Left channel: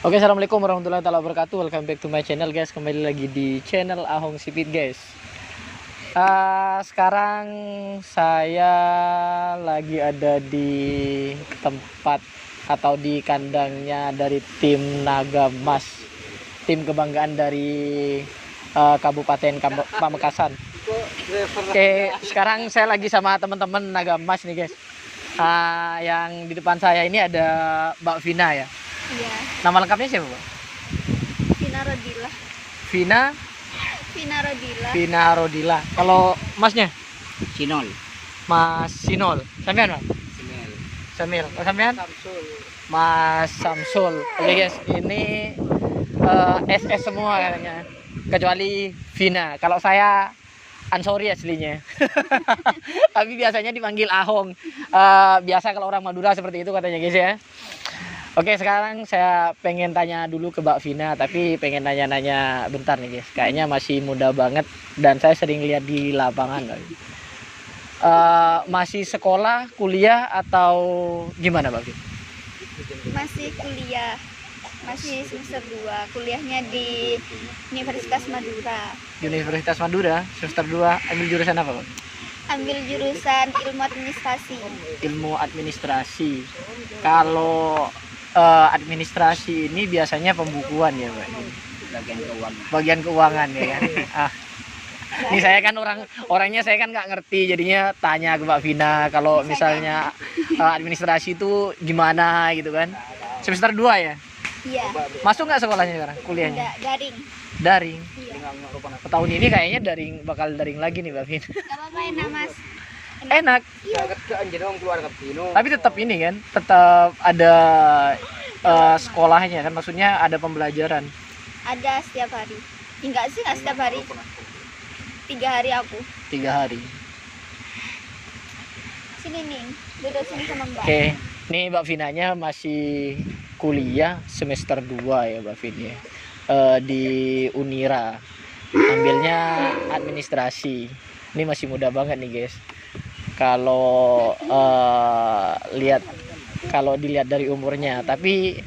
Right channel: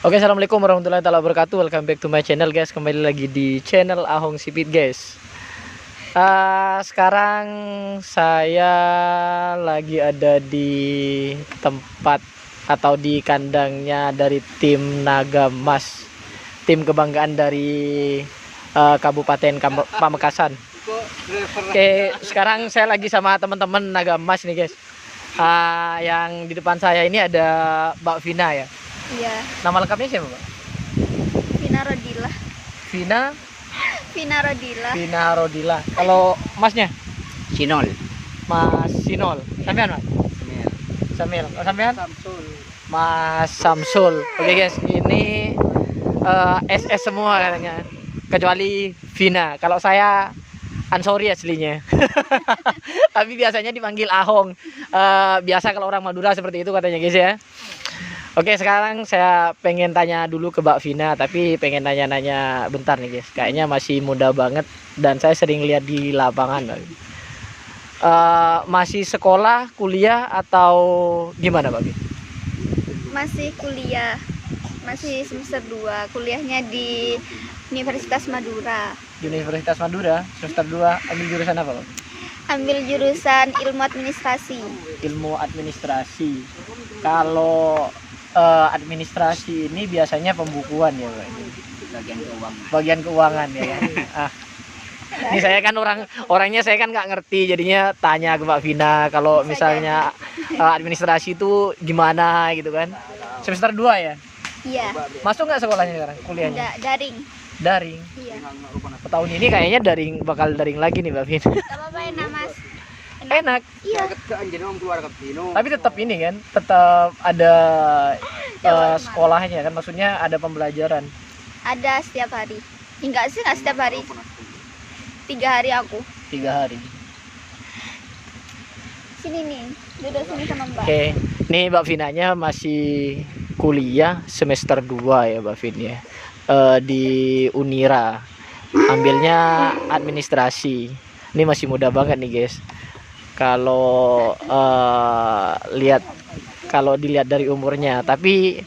Oke, assalamualaikum warahmatullahi wabarakatuh. Welcome back to my channel, guys. Kembali lagi di channel Ahong Sipit, guys. Sekarang saya lagi ada di tempat atau di kandangnya dari tim Naga Emas, tim kebanggaan dari Kabupaten Pamekasan. Oke, sekarang saya lagi sama teman-teman Naga Emas nih, guys. Yang di depan saya ini ada Mbak Vina ya. Iya, Nama lengkapnya siapa, Mbak? Vina Rodila. Vina Vina Rodila. Vina Rodila. Kalau masnya? Sinol. Mas Sinol. Sampean, Mas? Samil. Oh, sampean? Samsul. Mas Samsul. Oke, guys, ini SS semua katanya. Kecuali Vina. Kalau saya Ansori aslinya. Tapi biasanya dipanggil Ahong. Biasa kalau orang Madura seperti itu katanya, guys ya. Oke, sekarang saya pengen tanya dulu ke Mbak Vina, tapi pengen nanya-nanya bentar nih, guys. Kayaknya masih muda banget dan saya sering lihat di lapangan. Masih sekolah, kuliah atau gimana, Mbak Vina? Masih kuliah. Masih semester 2. Kuliahnya di Universitas Madura. Di Universitas Madura, semester 2, ambil jurusan apa, Mbak? Ambil jurusan Ilmu Administrasi. Ilmu administrasi. Kalau administrasi ini biasanya pembukuan ya, Pak. Bagian keuangan. Bagian keuangan ya. Ini saya kan orangnya saya kan nggak ngerti, jadinya tanya ke Mbak Vina kalau misalnya administrasi itu gimana gitu kan. Semester 2 ya. Iya. Masuk nggak sekolahnya sekarang? Kuliahnya? Enggak, daring. Daring. Iya. Tahun ini kayaknya bakal daring lagi nih, Mbak Vina. Gak apa-apa enak, Mas. Enak. Iya. Tapi tetap ini kan, tetap ada sekolahnya kan, maksudnya ada pembelajaran. Ada setiap hari. Enggak sih, enggak setiap hari. 3 hari aku. 3 hari. Sini nih, duduk sini sama Mbak. Oke, nih Mbak Vinanya masih kuliah semester 2 ya, Mbak Vin ya. Di Unira. Ambilnya administrasi. Ini masih muda banget nih, guys. Kalau dilihat dari umurnya, tapi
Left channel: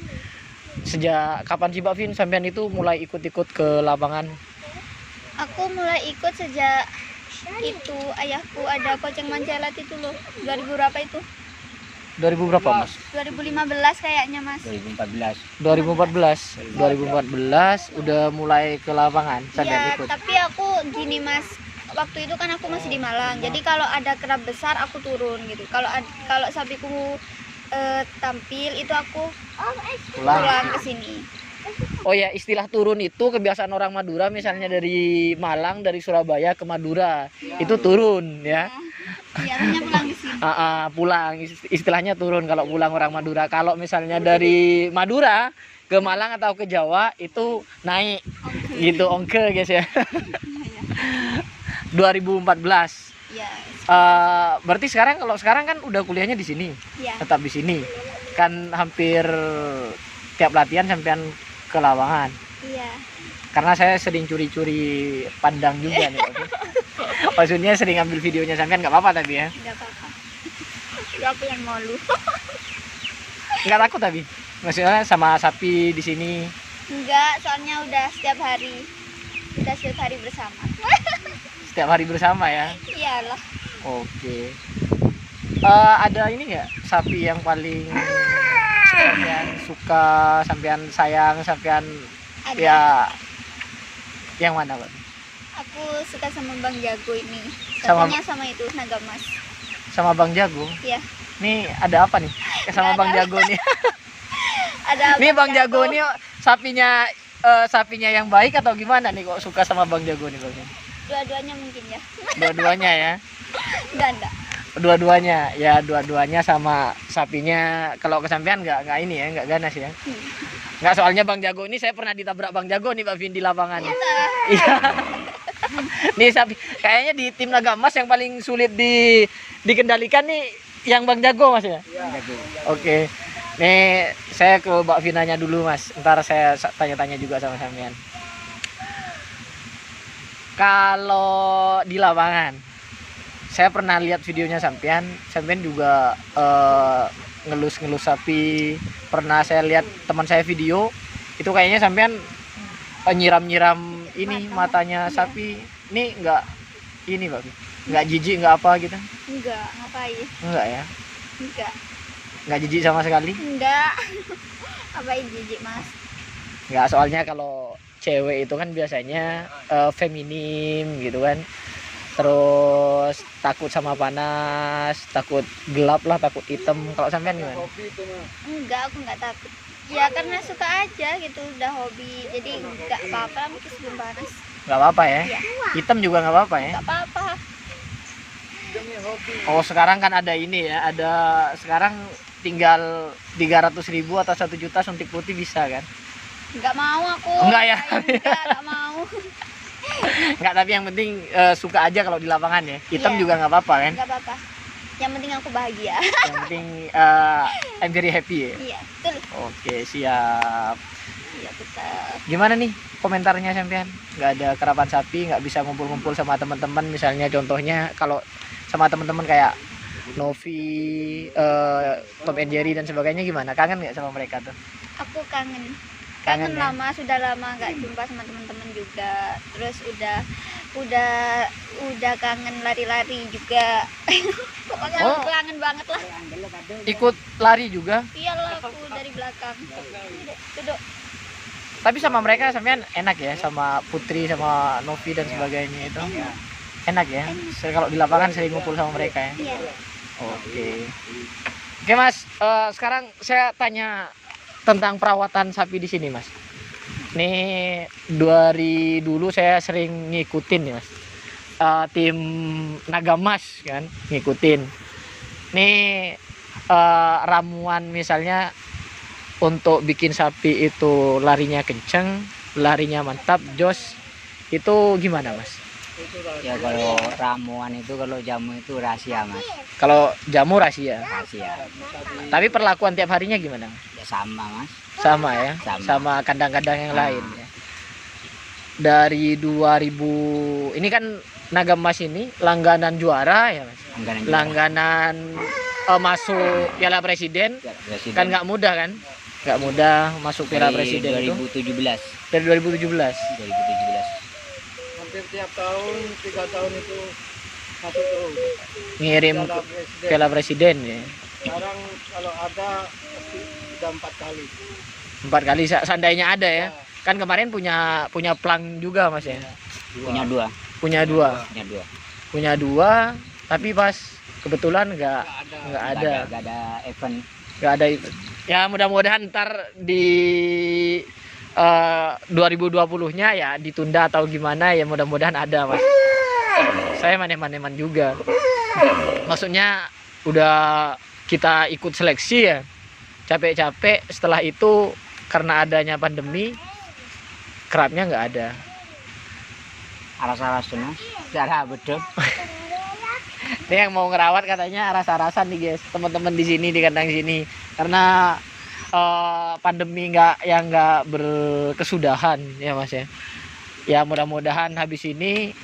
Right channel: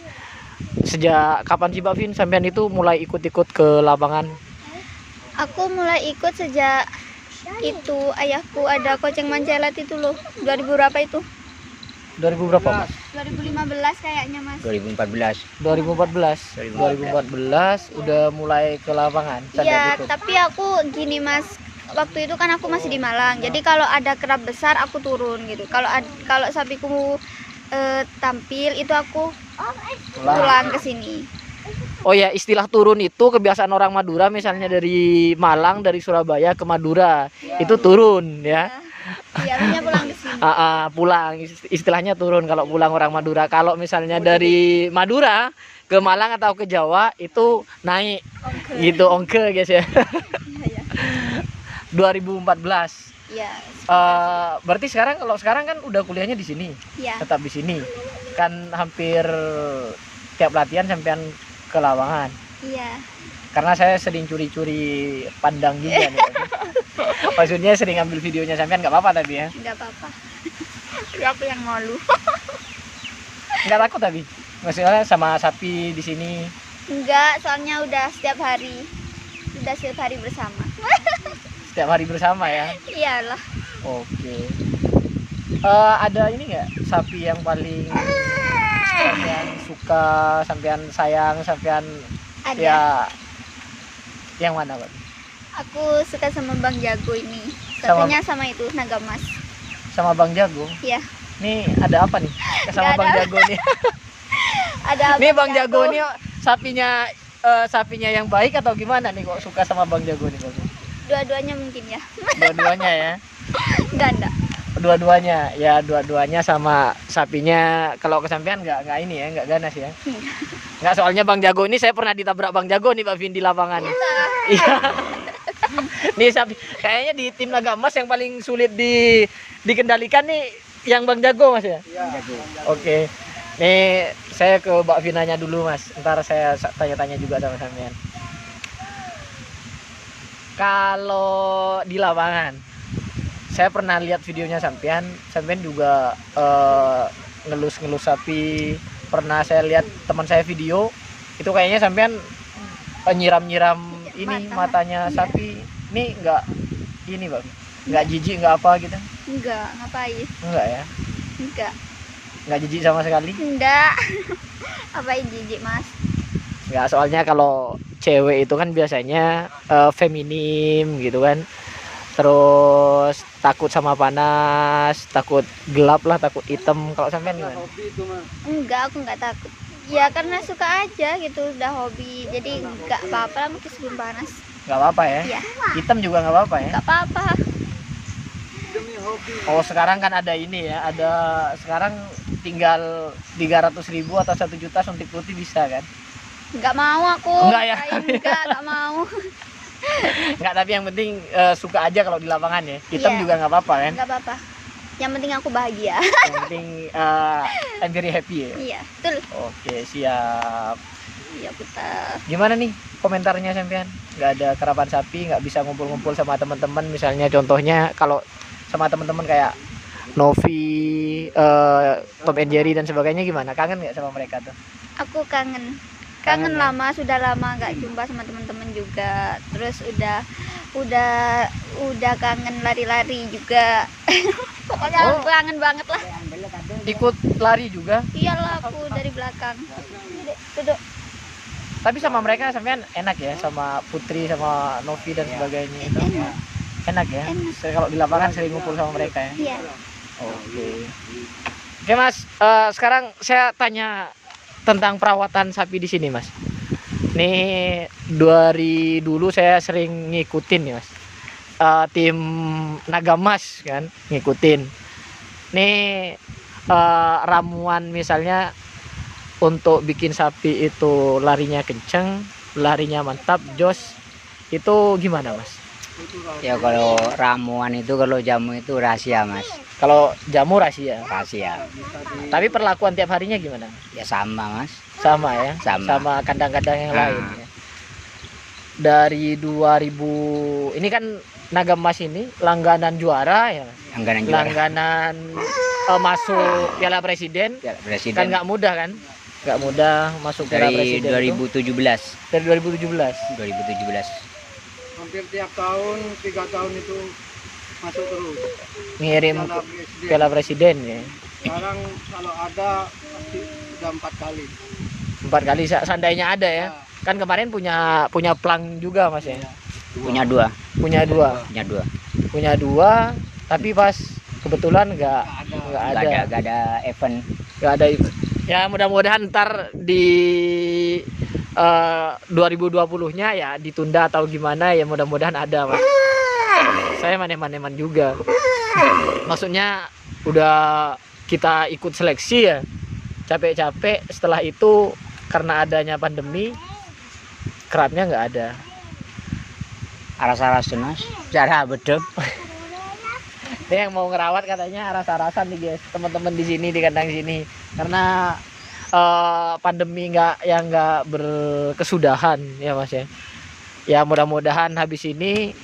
sejak kapan sih Mbak Vin sampean itu mulai ikut-ikut ke lapangan? Aku mulai ikut sejak itu ayahku ada Koceng Mancelat itu loh. 2000 berapa itu? 2000 berapa, Mas? 2015 kayaknya, Mas. 2014. 2014 udah mulai ke lapangan sampai Iya, ikut. tapi aku gini, Mas. Waktu itu kan aku masih di Malang. Jadi kalau ada kerap besar aku turun gitu. Kalau sapiku tampil itu aku pulang ke sini. Oh ya, istilah turun itu kebiasaan orang Madura, misalnya dari Malang, dari Surabaya ke Madura, itu turun ya. Biasanya pulang ke sini. Pulang, istilahnya turun kalau pulang orang Madura. Kalau misalnya dari Madura ke Malang atau ke Jawa itu naik, gitu ongke, guys ya. 2014. Iya. Berarti kalau sekarang kan udah kuliahnya di sini, Iya. tetap di sini. Kan hampir tiap latihan sampean ke lapangan. Iya. Karena saya sering curi-curi pandang juga nih. Maksudnya sering ambil videonya sampean, nggak apa-apa tapi ya. Enggak apa-apa. Aku yang malu. Nggak takut tapi. Maksudnya sama sapi di sini. Enggak, soalnya udah setiap hari. Udah setiap hari bersama. Setiap hari bersama ya. Iyalah. Oke. Ada ini nggak sapi yang paling sampean suka, sampean sayang, sampean Ada. ya yang mana, Pak? Aku suka sama Bang Jago ini. Sama- Satunya sama itu Naga Emas. Sama Bang Jago. Iya. Nih ada apa nih? Sama Nggak Bang ada. Jago nih. Ada Nih Bang Jago nih sapinya yang baik atau gimana nih kok suka sama Bang Jago nih, Bang? Dua-duanya mungkin ya. Dua-duanya ya. Ganda. Dua-duanya sama sapinya. Kalau kesampean nggak ini ya, nggak ganas ya. Nggak, soalnya Bang Jago ini saya pernah ditabrak Bang Jago nih, Pak Vin, di lapangan. Iya. Nih sapi kayaknya di tim Naga Emas yang paling sulit dikendalikan nih yang Bang Jago, Mas ya. Jago. Oke. Nih saya ke Mbak Vinanya dulu, Mas. Ntar saya tanya-tanya juga sama sampean. Kalau di lapangan, saya pernah lihat videonya sampean juga ngelus-ngelus sapi. Pernah saya lihat teman saya video Itu kayaknya sampean nyiram-nyiram ini matanya sapi. Ini enggak ini, Bang. Enggak jijik, enggak apa gitu. Enggak, ngapain? Enggak ya. Enggak jijik sama sekali. Enggak. Ngapain jijik, Mas? Enggak, soalnya kalau cewek itu kan biasanya feminim gitu kan. Terus takut sama panas, takut gelap lah, takut hitam. Kalau sampean gimana? Enggak, aku enggak takut. Ya karena suka aja gitu, udah hobi. Jadi enggak apa-apa lah mungkin sebelum panas. Nggak apa-apa ya? Iya. Hitam juga nggak apa-apa ya? Enggak apa-apa. Oh, sekarang kan ada ini ya, ada sekarang tinggal 300.000 atau 1 juta suntik putih bisa kan? Enggak mau aku. Enggak ya? Enggak mau. Nggak, tapi yang penting suka aja kalau di lapangan ya. Hitam Iya. juga nggak apa-apa kan? Enggak apa-apa. Yang penting aku bahagia. Yang penting I'm very happy ya. Iya, betul. Oke, siap. Iya, betul. Gimana nih komentarnya sampean? Nggak ada kerapan sapi, nggak bisa ngumpul-ngumpul sama teman-teman, misalnya contohnya kalau sama teman-teman kayak Novi, Tom and Jerry dan sebagainya, gimana? Kangen nggak sama mereka tuh? Aku kangen. Kangen Kangen ya? lama, sudah lama nggak jumpa sama teman-teman juga. Terus udah kangen lari-lari juga. Pokoknya Oh. aku kangen banget lah. Ikut lari juga, Iyalah aku dari belakang. Duduk. tapi sama mereka sampean enak ya, sama Putri, sama Novi dan sebagainya itu. Enak ya. Kalau di lapangan sering ngumpul sama mereka ya. Iya. Oke Mas, sekarang saya tanya tentang perawatan sapi di sini Mas. Nih dari dulu saya sering ngikutin ya Mas. Tim Nagamas kan ngikutin. Nih ramuan misalnya untuk bikin sapi itu larinya kenceng, larinya mantap, jos, itu gimana Mas? Ya kalau ramuan itu, kalau jamu itu rahasia Mas. Kalau jamu rahasia, Rahasia. tapi perlakuan tiap harinya gimana Mas? Ya sama Mas. Sama ya, Sama. kandang-kandang yang lain ya. Dari 2000 ini kan Nagamas ini langganan juara ya Mas. Langganan juara. Langganan masuk Piala Presiden, Ya, Presiden. kan nggak mudah kan? Nggak mudah masuk Piala Dari Presiden itu 2017. dari 2017. 2017. Hampir tiap tahun 3 tahun itu masuk terus. Ngirim Piala ke Presiden. Piala Presiden ya. Sekarang kalau ada pasti sudah 4 kali. 4 kali seandainya ada ya. Kan kemarin punya plang juga Mas ya. Punya dua. Punya dua. Punya dua. Punya dua, tapi pas kebetulan nggak ada. Nggak ada event. Nggak ada itu. Ya mudah-mudahan ntar di 2020-nya ya ditunda atau gimana ya, mudah-mudahan ada Mas. Saya maneman-maneman juga. Maksudnya udah kita ikut seleksi ya, capek-capek, setelah itu karena adanya pandemi kerapnya nggak ada. Aras-aras Mas. Cara betul. Ini yang mau ngerawat katanya aras-arasan nih guys, teman-teman di sini, di kandang sini, karena pandemi nggak berkesudahan ya Mas ya. Ya mudah-mudahan habis ini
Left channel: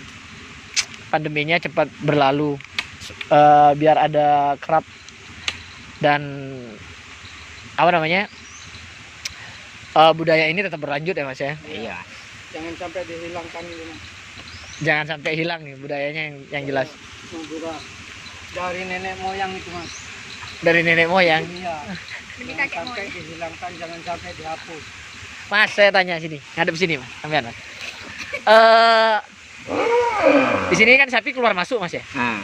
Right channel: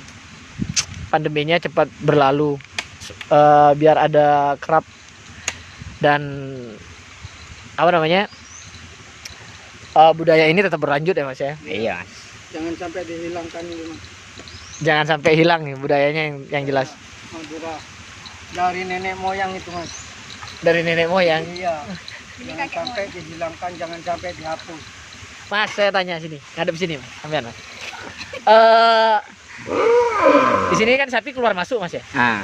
pandeminya cepat berlalu, biar ada kerap dan apa namanya, budaya ini tetap berlanjut ya Mas ya. Iya. Jangan sampai dihilangkan ini Mas. Jangan sampai hilang nih budayanya yang jelas Juga dari nenek moyang itu Mas. dari nenek moyang. Iya. Ini Jangan kakek sampai moyang. dihilangkan, jangan sampai dihapus. Mas, saya tanya sini, ngadep sini Mas, sampean Mas. Di sini kan sapi keluar masuk Mas ya. Nah,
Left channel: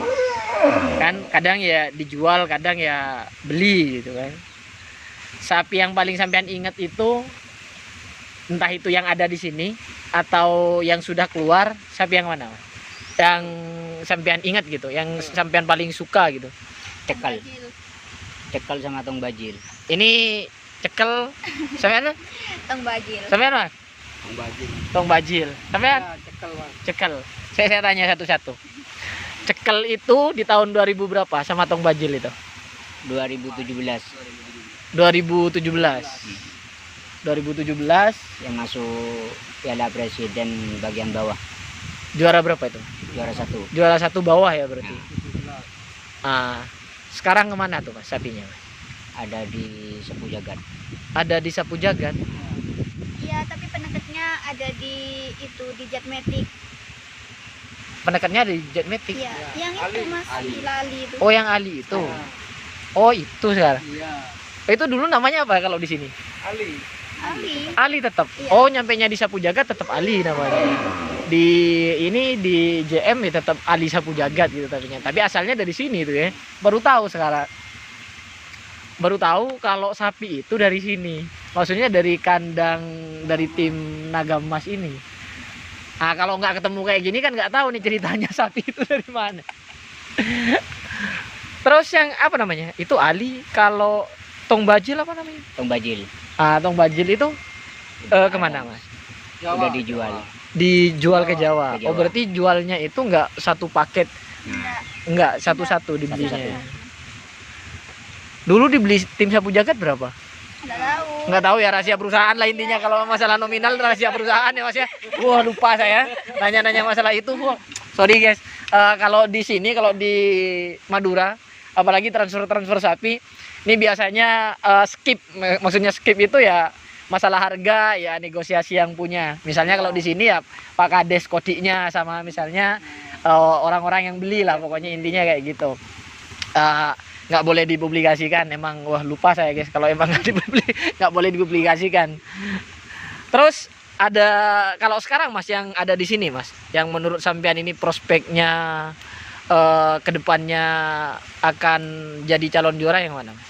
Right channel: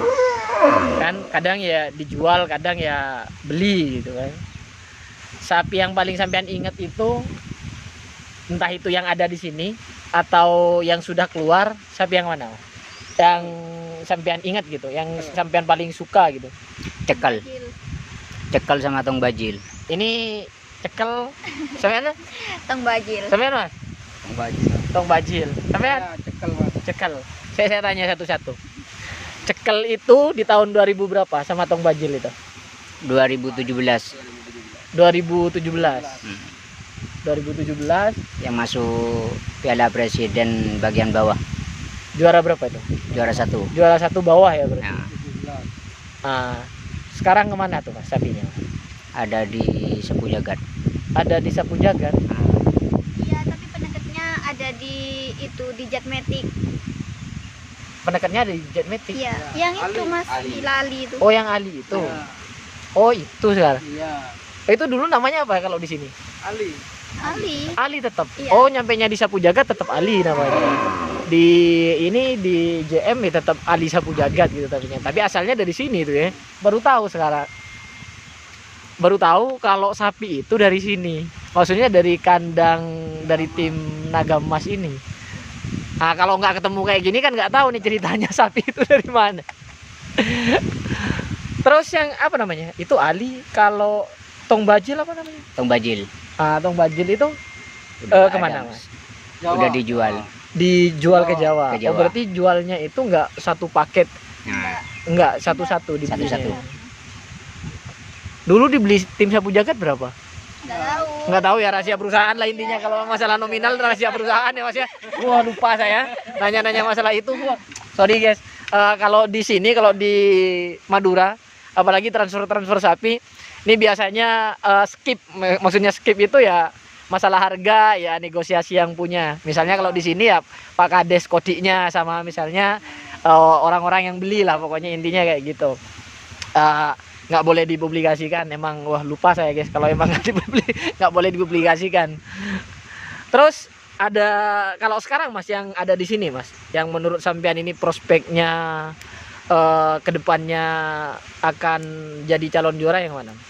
Kan kadang ya dijual, kadang ya beli gitu kan. Sapi yang paling sampean ingat itu, entah itu yang ada di sini atau yang sudah keluar, sapi yang mana Mas? Yang sampean ingat gitu, yang sampean paling suka gitu. cekel. Cekel sama tong bajil. Ini cekel, sampean Mas? Tong bajil. Sampean Mas? Tong bajil. Tong bajil. Sampean? Ya, cekel Mas. Cekel. Saya tanya satu-satu. Cekel itu di tahun 2000 berapa sama tong bajil itu? 2017 2017. 2017 yang masuk Piala Presiden bagian bawah. juara berapa itu? Juara 1. Juara 1 bawah ya berarti. Nah, 17. Ah, sekarang kemana tuh Mas sapinya Mas? ada di Sepu Jagat. Ada di Sapu Jagat. Di itu di Jetmatic. Penekatnya di Jetmatic. Iya, Ya, yang itu Ali. Mas Ali. di Lali itu. Oh, yang Ali itu. Ya, Oh, itu sekarang. iya. Itu dulu namanya apa kalau di sini? Ali. Ali. Ali tetap. Iya. Oh, nyampenya di Sapu Jagat tetap Ali namanya. Di ini di JM ya tetap Ali Sapu Jagat gitu tapi asalnya dari sini tuh ya. Baru tahu sekarang. Baru tahu kalau sapi itu dari sini. Maksudnya dari kandang dari tim Naga Emas ini. Nah, kalau nggak ketemu kayak gini kan nggak tahu nih ceritanya sapi itu dari mana. Terus yang apa namanya? Itu Ali. Kalau Tong Bajil apa namanya? Tong bajil. Ah, Tong Bajil itu Udah kemana ada, Mas? Udah dijual. Dijual ke Jawa. Ke Jawa. Oh, berarti jualnya itu nggak satu paket, Nah, nggak satu-satu dibelinya. Satu-satu. Dulu dibeli tim Sapu Jagat berapa? Nggak tahu. Nggak tahu ya, rahasia perusahaan lah intinya. Kalau masalah nominal rahasia perusahaan ya Mas ya. Wah, lupa saya nanya-nanya masalah itu. Wah, sorry guys. Kalau di sini, kalau di Madura, apalagi transfer sapi, ini biasanya skip. Maksudnya skip itu ya masalah harga ya negosiasi yang punya. Misalnya kalau di sini ya Pak Kades kodiknya sama misalnya orang-orang yang beli lah, pokoknya intinya kayak gitu. Nggak boleh dipublikasikan, emang wah lupa saya guys kalau emang nggak boleh dipublikasikan. Terus ada kalau sekarang Mas yang ada di sini Mas, yang menurut sampean ini prospeknya kedepannya akan jadi calon juara yang mana Mas?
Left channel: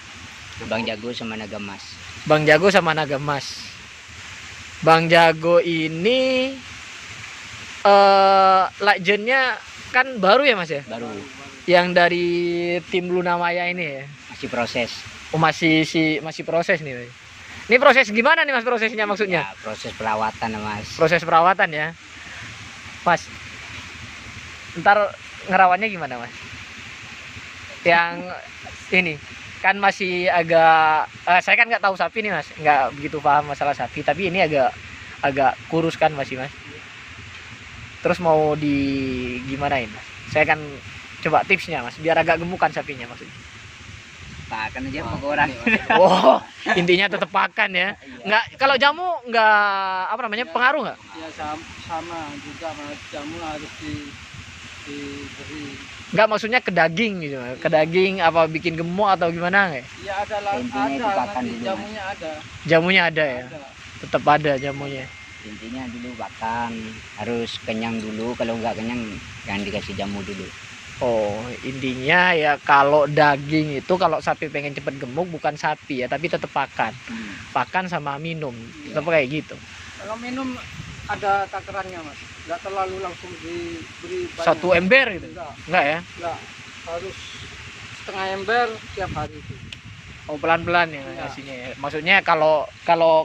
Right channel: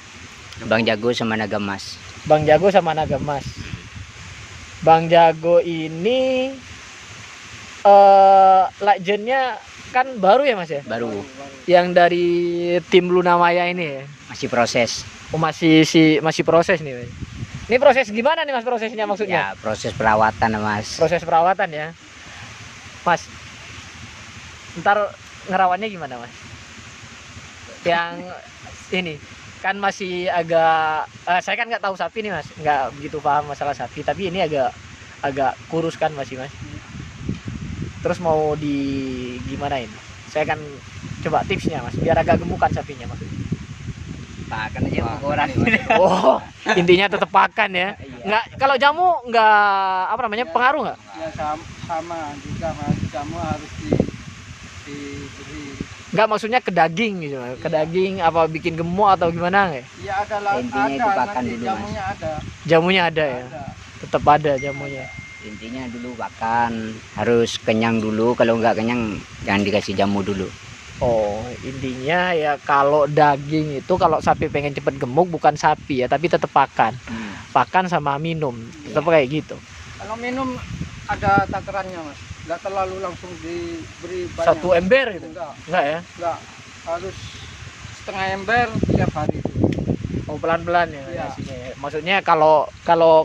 Bang Jago sama Naga Emas. Bang Jago sama Naga Emas. Bang Jago ini legendnya kan baru ya Mas ya? Baru Yang dari tim Luna Maya ini ya? masih proses. Oh, masih proses nih Mas. Ini proses gimana nih Mas prosesnya maksudnya? Ya, proses perawatan Mas. Proses perawatan ya Mas. Ntar ngerawatnya gimana Mas? Yang ini kan masih agak saya kan nggak tahu sapi nih Mas, nggak begitu paham masalah sapi, tapi ini agak kurus kan masih Mas. Terus mau di gimana ini? Saya kan coba tipsnya Mas biar agak gemukan sapinya maksudnya. Pakan aja sama orang. Oh, intinya tetap pakan ya. Nggak, kalau jamu nggak apa namanya pengaruh nggak? Ya sama juga Mas. Jamu harus diberi. Nggak, maksudnya ke daging gitu, ke daging apa bikin gemuk atau gimana nggak? Ya ada lah. Intinya itu pakan nanti dulu, Mas. jamunya ada. Jamunya ada ya, Ada. tetap ada jamunya. Intinya dulu pakan harus kenyang dulu, kalau nggak kenyang jangan dikasih jamu dulu. Oh, intinya ya kalau daging itu kalau sapi pengen cepet gemuk bukan sapi ya, tapi tetap pakan. Pakan sama minum, tetap kayak gitu. Kalau minum ada takarannya Mas. Nggak terlalu langsung diberi banyak. 1 ember gitu. Enggak ya? Enggak. Harus setengah ember tiap hari. Oh, pelan-pelan ya Iya. ngasihnya ya. Maksudnya kalau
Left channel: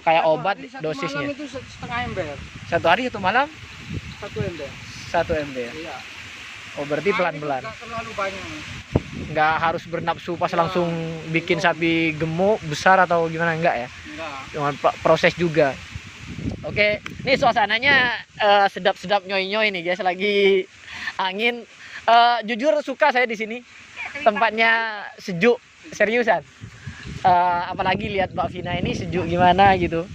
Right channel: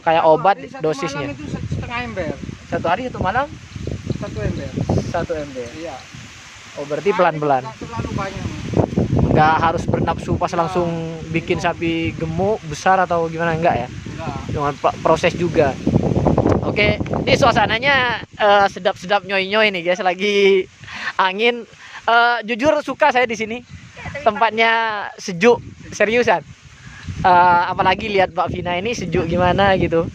kayak Satu obat hari, satu dosisnya. malam itu setengah ember. 1 hari 1 malam 1 ember. 1 ember. Iya. Oh, berarti pelan-pelan. Nggak terlalu banyak Mas. Nggak harus bernafsu pas langsung bikin sapi gemuk besar atau gimana, enggak ya? Enggak. Dengan proses juga. Oke, ini suasananya sedap-sedap nyoy-nyoy nih guys, lagi angin. Jujur suka saya di sini. Tempatnya sejuk, seriusan. Apalagi lihat Mbak Vina ini sejuk gimana gitu.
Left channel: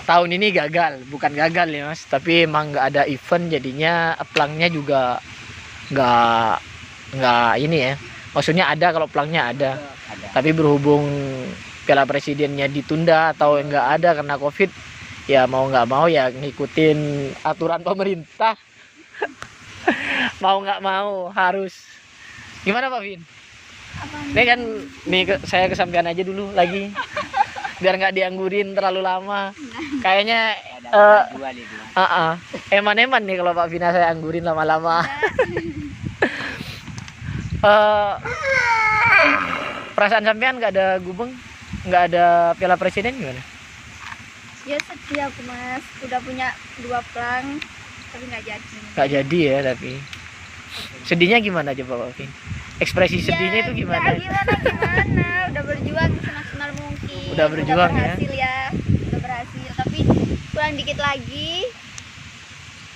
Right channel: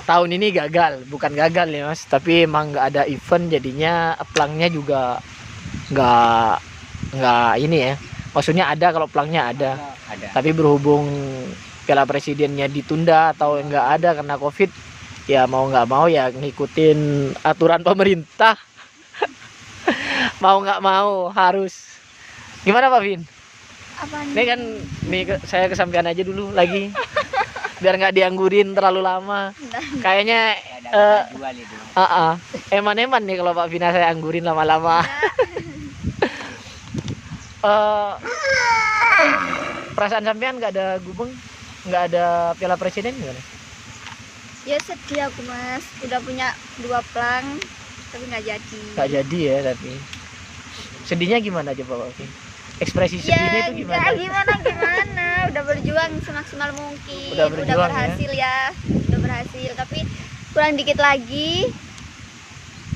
Tahun ini gagal, bukan gagal ya Mas, tapi emang nggak ada event jadinya pelangnya juga nggak ini ya. Maksudnya ada, kalau pelangnya ada. Ada. Tapi berhubung Piala Presidennya ditunda atau nggak ada karena COVID, ya mau nggak mau ya ngikutin aturan pemerintah. Mau nggak mau harus. Gimana Pak Vin? Apaan? Ini kan saya kesampaian aja dulu lagi. Biar nggak dianggurin terlalu lama. Kayaknya Ada jual itu. eman-eman nih kalau Pak Vina saya anggurin lama-lama. Perasaan sampean nggak ada gubeng, nggak ada Piala Presiden gimana? Ya sedih aku Mas, udah punya 2 plang tapi nggak jadi. Nggak jadi ya, tapi sedihnya gimana coba Pak Vin? Ekspresi sedihnya itu gimana? Gimana, udah berjuang semaksimal mungkin. Udah berjuang, udah berhasil ya. Udah berhasil, tapi kurang dikit lagi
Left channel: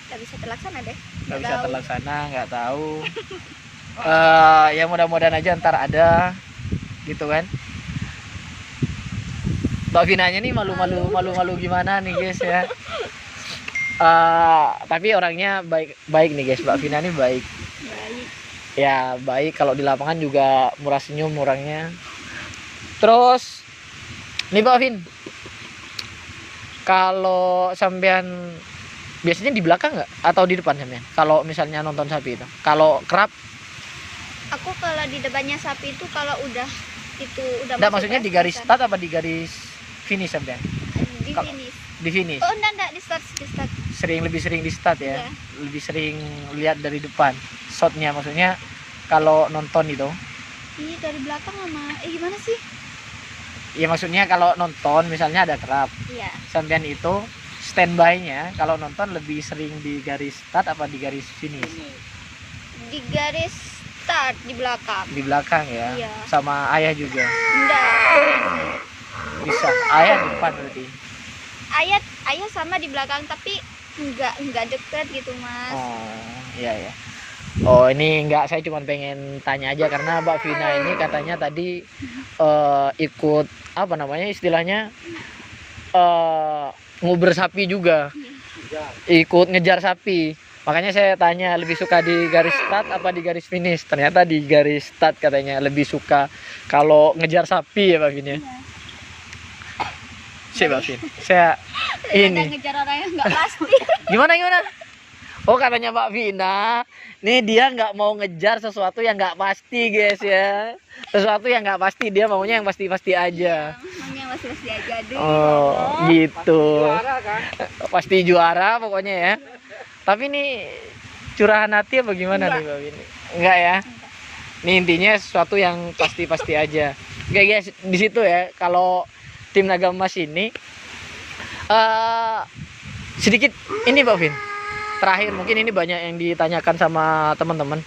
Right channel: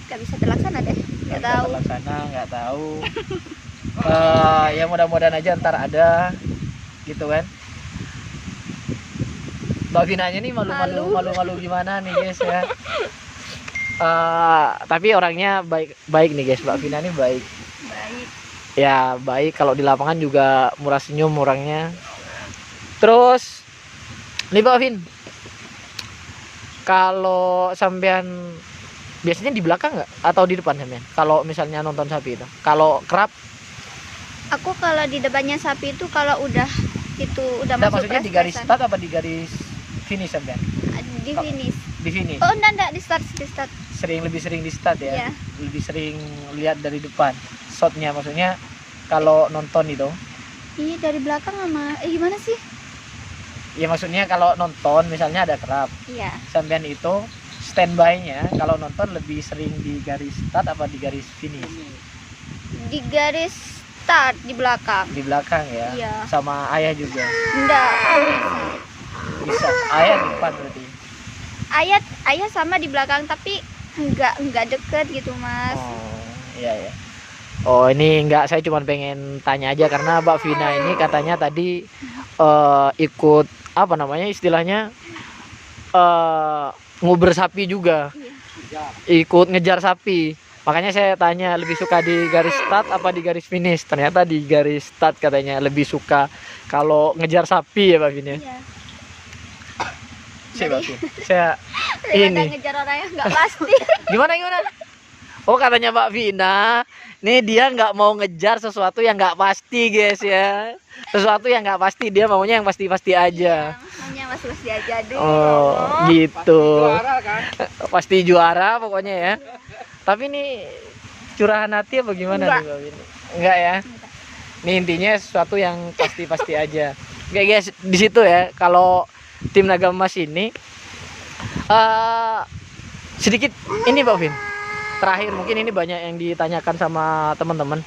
nggak bisa terlaksana deh. Nggak Nggak bisa tahu. terlaksana, nggak tahu. Ya mudah-mudahan aja ntar ada gitu kan. Mbak Vinanya nih malu-malu gimana nih guys ya. Tapi orangnya baik nih guys. Mbak Vina nih baik. Baik. Ya baik, kalau di lapangan juga murah senyum orangnya. Terus nih Mbak Vin, kalau sampean biasanya di belakang nggak atau di depan sampean? Kalau misalnya nonton sapi itu, kalau kerap? Aku kalau di depannya sapi itu kalau udah Nggak, masuk maksudnya di garis res-resan. start apa di garis finish sampean? Di finish. Di finish. Oh enggak di start. Lebih sering di start ya. Iya. Lebih sering lihat dari depan. Shotnya maksudnya kalau nonton itu. Iya dari belakang sama gimana sih? Ya maksudnya kalau nonton misalnya ada kerap. Iya. Sampean itu standby-nya kalau nonton lebih sering di garis start apa di garis finish? Di garis start di belakang. Di belakang ya. Iya. Sama ayah juga. Enggak. Bisa. Ayah di depan berarti. Ayah sama di belakang tapi enggak deket gitu, Mas. Oh, iya ya. Oh, ini enggak, saya cuma pengen tanya aja karena Mbak Vina ini katanya tadi ikut apa namanya istilahnya nguber sapi juga. Ikut ngejar sapi. Makanya saya tanya lebih suka di garis start apa di garis finish. Ternyata di garis start katanya lebih suka kalau ngejar sapi ya Mbak Vina. Iya. Siap Mbak Vina. Saya ini. Ngejar orang yang enggak pasti. Gimana? Oh katanya Mbak Vina, nih dia nggak mau ngejar sesuatu yang nggak pasti guys ya. Sesuatu yang nggak pasti, dia maunya yang pasti-pasti aja. Namanya masih aja dulu. Oh gitu. Juara kan? Pasti juara pokoknya ya. Tapi nih curahan hati apa gimana nih Mbak Vina? Enggak ya. Nih intinya sesuatu yang pasti-pasti aja. Oke guys, di situ ya kalau tim Naga Emas ini sedikit ini Mbak Vin. Terakhir mungkin ini banyak yang ditanyakan sama teman-teman.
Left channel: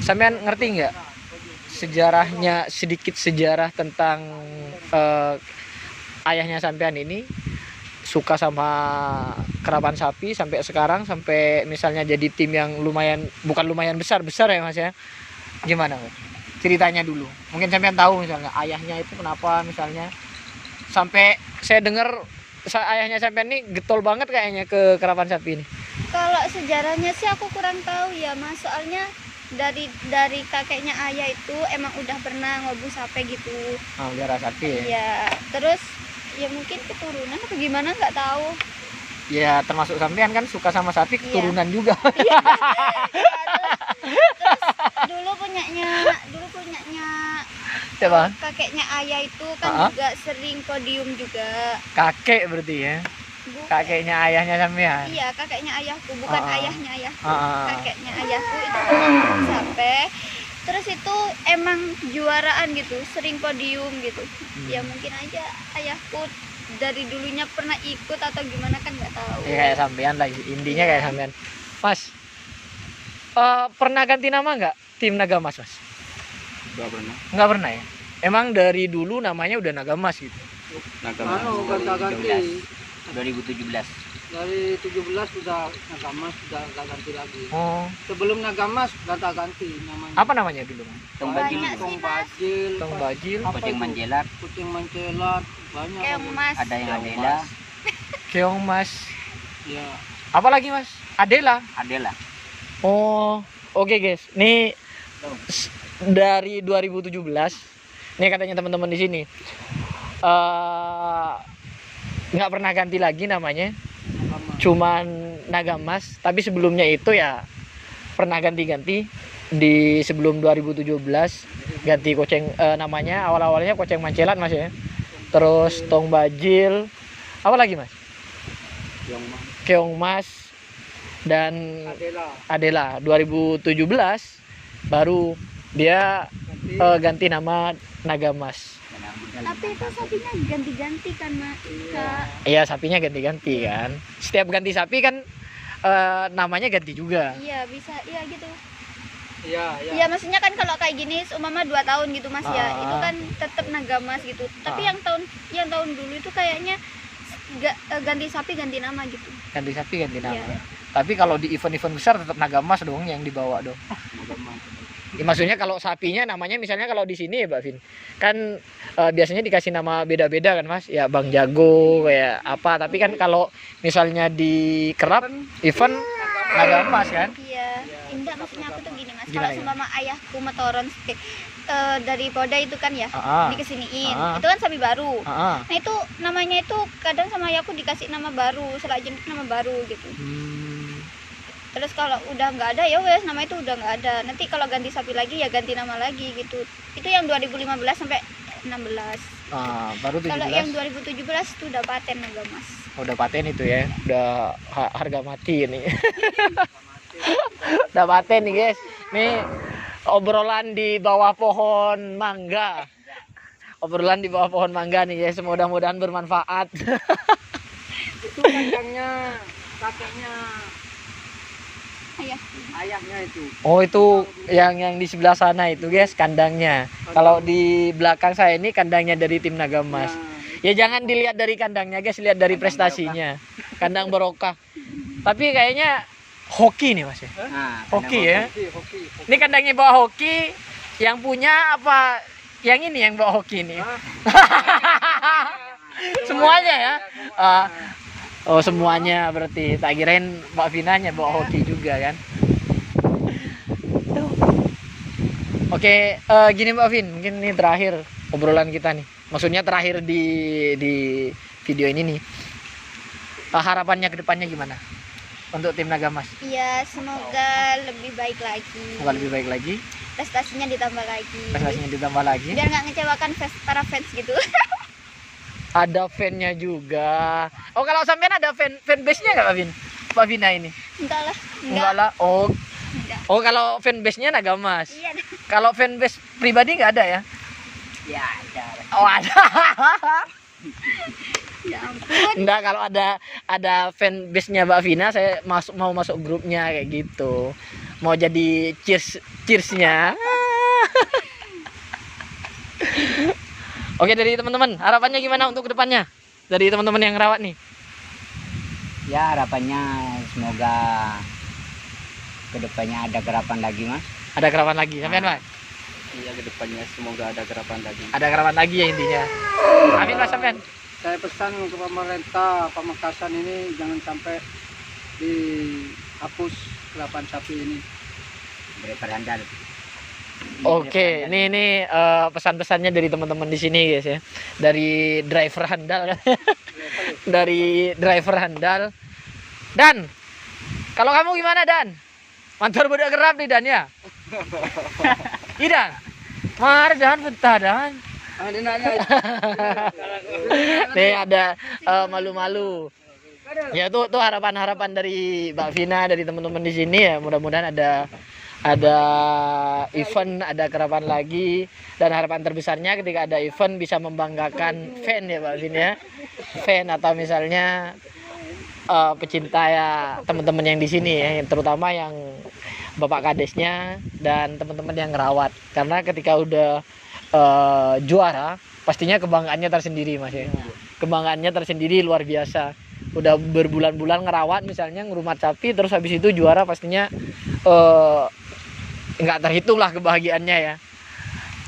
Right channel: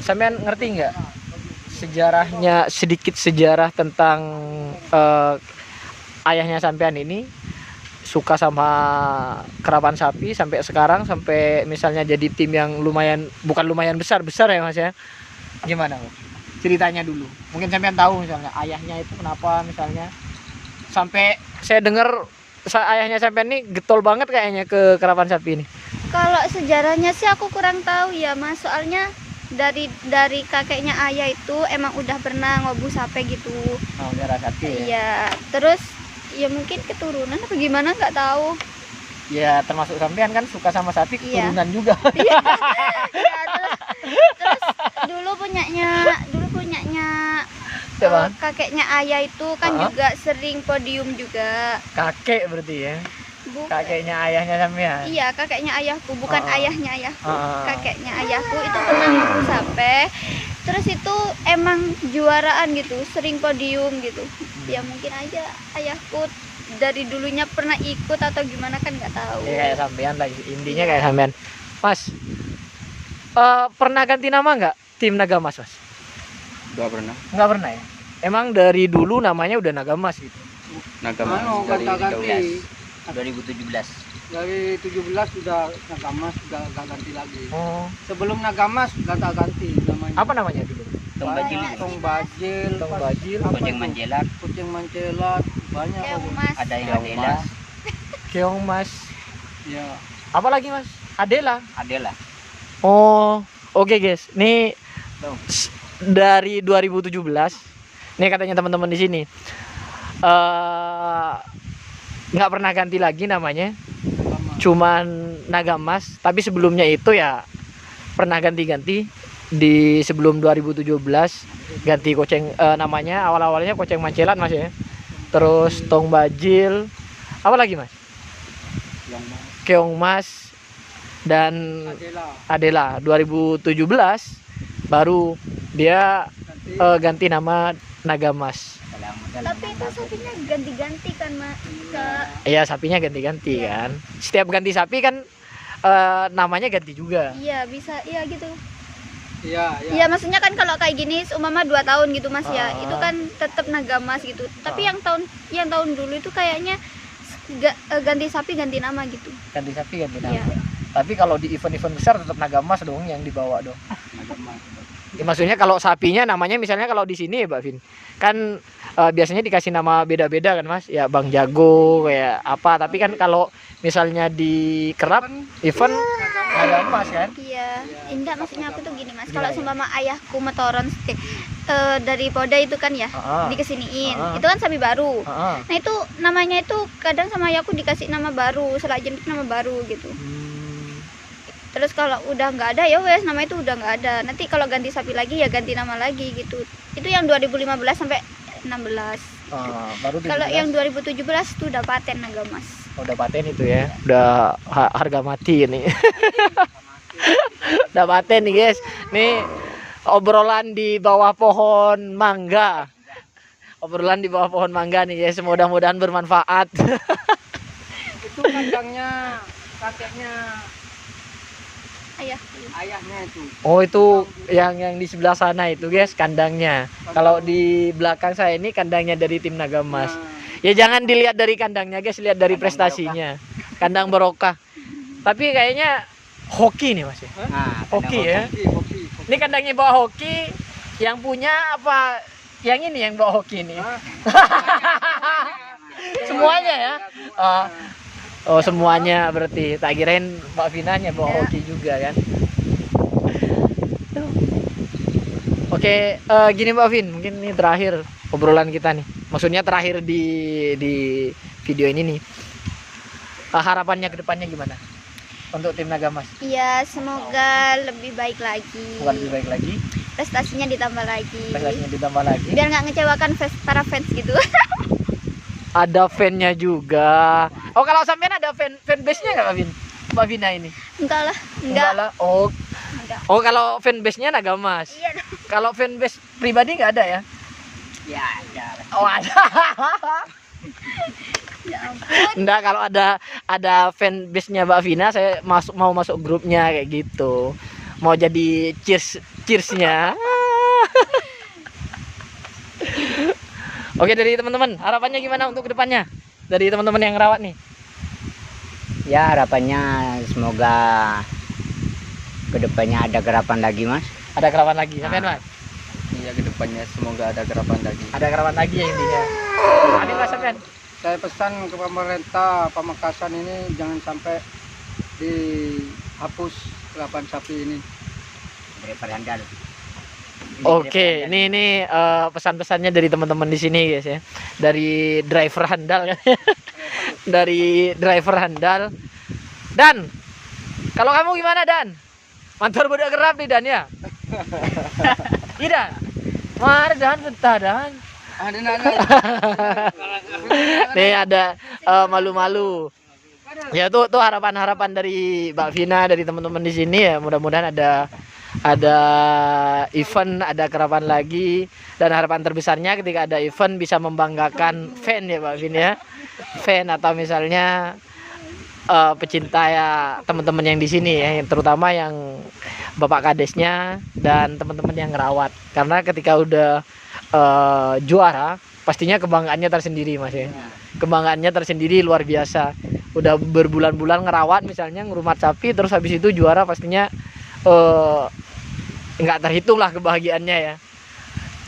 Sampean ngerti nggak sejarahnya, sedikit sejarah tentang ayahnya sampean ini suka sama kerapan sapi sampai sekarang, sampai misalnya jadi tim yang bukan lumayan besar ya Mas ya. Gimana Mas? Ceritanya dulu. Mungkin sampean tahu misalnya ayahnya itu kenapa misalnya sampai saya dengar ayahnya sampean ini getol banget kayaknya ke kerapan sapi ini. Kalau sejarahnya sih aku kurang tahu ya, Mas. Soalnya dari kakeknya ayah itu emang udah pernah ngobu sapi gitu. Oh, darah sapi ya. Iya. Terus ya mungkin keturunan apa gimana nggak tahu. Ya termasuk sampean kan suka sama sapi, keturunan juga. Iya. Terus dulu punyanya Siapa? kakeknya ayah itu kan juga sering podium juga. Kakek berarti ya. Kakeknya ayahnya sampean. Iya, kakeknya ayahku, bukan ayahnya ayahku. Kakeknya ayahku itu pernah ngobu sampai. Terus itu emang juaraan gitu, sering podium gitu. Ya mungkin aja ayahku dari dulunya pernah ikut atau gimana kan nggak tahu. Kayak sampean lagi, intinya kayak sampean. Mas, pernah ganti nama nggak tim Naga Emas Mas? Gak pernah. Nggak pernah ya? Emang dari dulu namanya udah Naga Emas gitu? Naga Anu, Emas dari ganti. 2017. Dari 17 sudah Nagamas, sudah gak ganti lagi. Oh, Sebelum Nagamas gak ganti namanya. apa namanya dulu? Tong Bajil, Banyak Tong sih, Mas. Bajil, Tong Bajil, Kucing Manjelat, Kucing Mancelat, banyak. Kayak Mas. ada yang Adela, Keong Mas. Ya. Apa lagi Mas? Adela. Adela. Oh, oke guys. Nih dari 2017. Nih katanya teman-teman di sini. Nggak pernah ganti lagi namanya. Cuman Naga Emas, tapi sebelumnya itu ya pernah ganti-ganti di sebelum 2017 ganti Kucing namanya awal-awalnya Kucing Mancelat Mas ya. Terus Tong Bajil. Apa lagi Mas? Keong Mas dan Adela 2017 baru dia ganti nama Naga Emas. Tapi itu sapinya ganti-ganti kan, Mak. Iya, sapinya ganti-ganti kan. Setiap ganti sapi kan namanya ganti juga. Iya, bisa. Iya gitu. Iya, Iya, maksudnya kan kalau kayak gini umpama 2 tahun gitu Mas ya. Itu kan tetap Naga Emas gitu. Tapi yang tahun dulu itu kayaknya ganti sapi ganti nama gitu. Ganti sapi ganti nama. Iya. Tapi kalau di event-event besar tetap Naga Emas dong yang dibawa dong. Maksudnya kalau sapinya namanya misalnya kalau di sini ya Mbak Vin kan biasanya dikasih nama beda-beda kan Mas, ya Bang Jago kayak apa, tapi kan kalau misalnya di kerap event ada Mas kan. Iya, enggak maksudnya aku tuh gini Mas. Gimana Kalau ya? seumpama ayahku metoron dari Poda itu kan ya, Ah. dikesiniin. Ah. Itu kan sapi baru. Ah. Nah itu namanya itu kadang sama ayahku dikasih nama baru, selak jentik nama baru gitu. Terus kalau udah nggak ada ya wes nama itu udah nggak ada. Nanti kalau ganti sapi lagi ya ganti nama lagi gitu. Itu yang 2015 sampai 16. Baru 17. Kalau yang 2017 itu udah paten Nagamas. Udah paten itu ya. Udah harga mati ini. Udah paten nih guys. Nih obrolan di bawah pohon mangga. Obrolan di bawah pohon mangga nih guys. Mudah-mudahan bermanfaat. Itu kandangnya kakeknya Ayah. ayahnya itu. Oh itu yang di sebelah sana itu guys kandangnya. Kalau di belakang saya ini kandangnya dari tim Nagamas. Nah, Ya jangan dilihat dari kandangnya guys, lihat dari prestasinya. Kandang barokah. Tapi kayaknya hoki nih Mas ya. Nah, Hoki ya. hoki. Ini kandangnya bawa hoki, yang punya apa? Yang ini yang bawa hoki nih. Hah? Semuanya ya. Oh semuanya berarti. Tak kirain Mbak Vinanya bawa hoki juga kan. Tuh. Oke, gini Mbak Vin, mungkin ini terakhir obrolan kita nih. Maksudnya terakhir di video ini nih. Harapannya ke depannya gimana? Untuk tim Nagamas? Iya, semoga lebih baik lagi. Semoga lebih baik lagi, Prestasinya ditambah lagi. prestasinya ditambah lagi. Biar nggak ngecewakan para fans gitu. Ada fan-nya juga. Oh, kalau sampean ada fanbase-nya enggak, Mbak Vin? Mbak Vina ini? Enggak lah, Enggak lah. Oh. Enggak. Oh, kalau fanbase-nya Nagamas. Iya. Kalau fanbase pribadi enggak ada ya? Ya, ya. Oh, ada. Ya ampun. Enggak, kalau ada fanbase-nya Mbak Vina, saya mau masuk grupnya kayak gitu. Mau jadi cheers-nya. Oke, dari teman-teman, harapannya gimana untuk kedepannya? Dari teman-teman yang rawat nih. Ya harapannya semoga kedepannya ada garapan lagi Mas. Ada kerawan lagi, sampean Mas? Iya, kedepannya semoga ada garapan lagi. Ada kerawan lagi ya intinya. Amin Mas sampean. Saya pesan ke pemerintah Pamekasan ini jangan sampai dihapus garapan sapi ini. Driver handal. Oke, ini pesan-pesannya dari teman-teman di sini guys ya. Dari driver handal kan. Dari driver handal. Dan kalau kamu gimana Dan? Mantar budak gerap nih Dan ya. Iya. Mar Dan betah Dan. Ada nanya. Nih ada malu-malu. Ya tuh harapan-harapan dari Mbak Vina, dari teman-teman di sini ya. Mudah-mudahan ada event, ada kerapan lagi, dan harapan terbesarnya ketika ada event bisa membanggakan fan ya Mbak Vin ya, fan atau misalnya pecinta ya teman-teman yang di sini ya, terutama yang bapak kadesnya dan teman-teman yang ngerawat, karena ketika udah juara pastinya kebanggaannya tersendiri Mas ya, kebanggaannya tersendiri luar biasa. Udah berbulan-bulan ngerawat misalnya ngerumat sapi, terus habis itu juara pastinya nggak terhitung lah kebahagiaannya ya,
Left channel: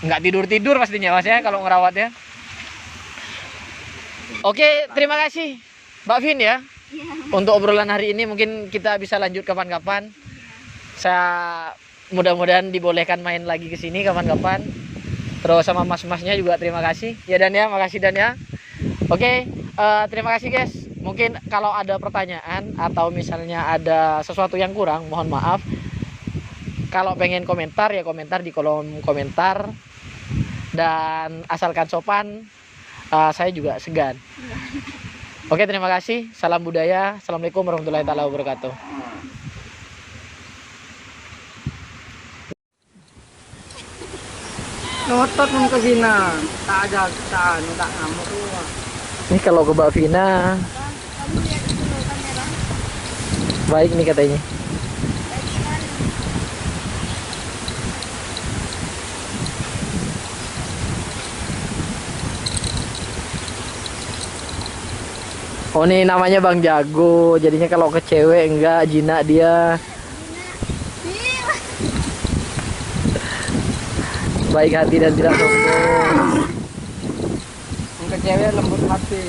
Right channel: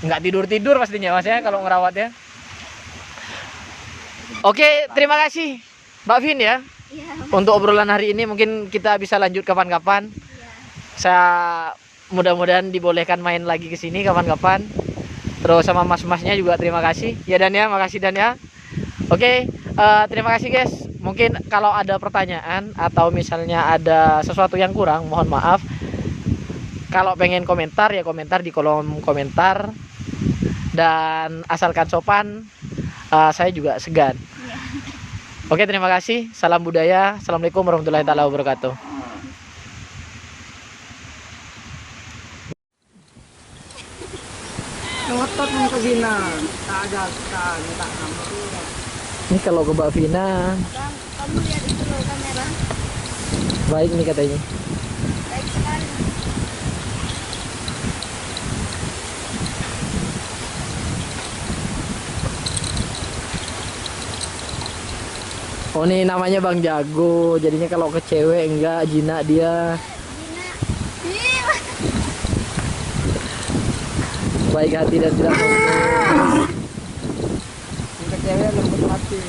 nggak tidur pastinya Mas ya kalau ngerawat ya. Oke, terima kasih Mbak Vin ya untuk obrolan hari ini. Mungkin kita bisa lanjut kapan-kapan. Saya mudah-mudahan dibolehkan main lagi ke sini kapan-kapan. Terus sama mas-masnya juga terima kasih ya Dan ya, makasih Dan ya. Oke, terima kasih guys. Mungkin kalau ada pertanyaan atau misalnya ada sesuatu yang kurang, mohon maaf. Kalau pengen komentar ya komentar di kolom komentar, dan asalkan sopan, saya juga segan. Oke, terima kasih. Salam budaya. Assalamualaikum warahmatullahi taala wabarakatuh. Ngotot mau ke sini. Tak ada tak ngamuk. Ini kalau ke Mbak Vina Bang, kamu lihat itu loh kamera. baik nih katanya. Baik sekali. Oh, ini namanya Bang Jago. Jadinya kalau ke cewek enggak jinak dia. Gina. Ih, baik hati dan tidak sombong. Yang ke cewek lembut hati.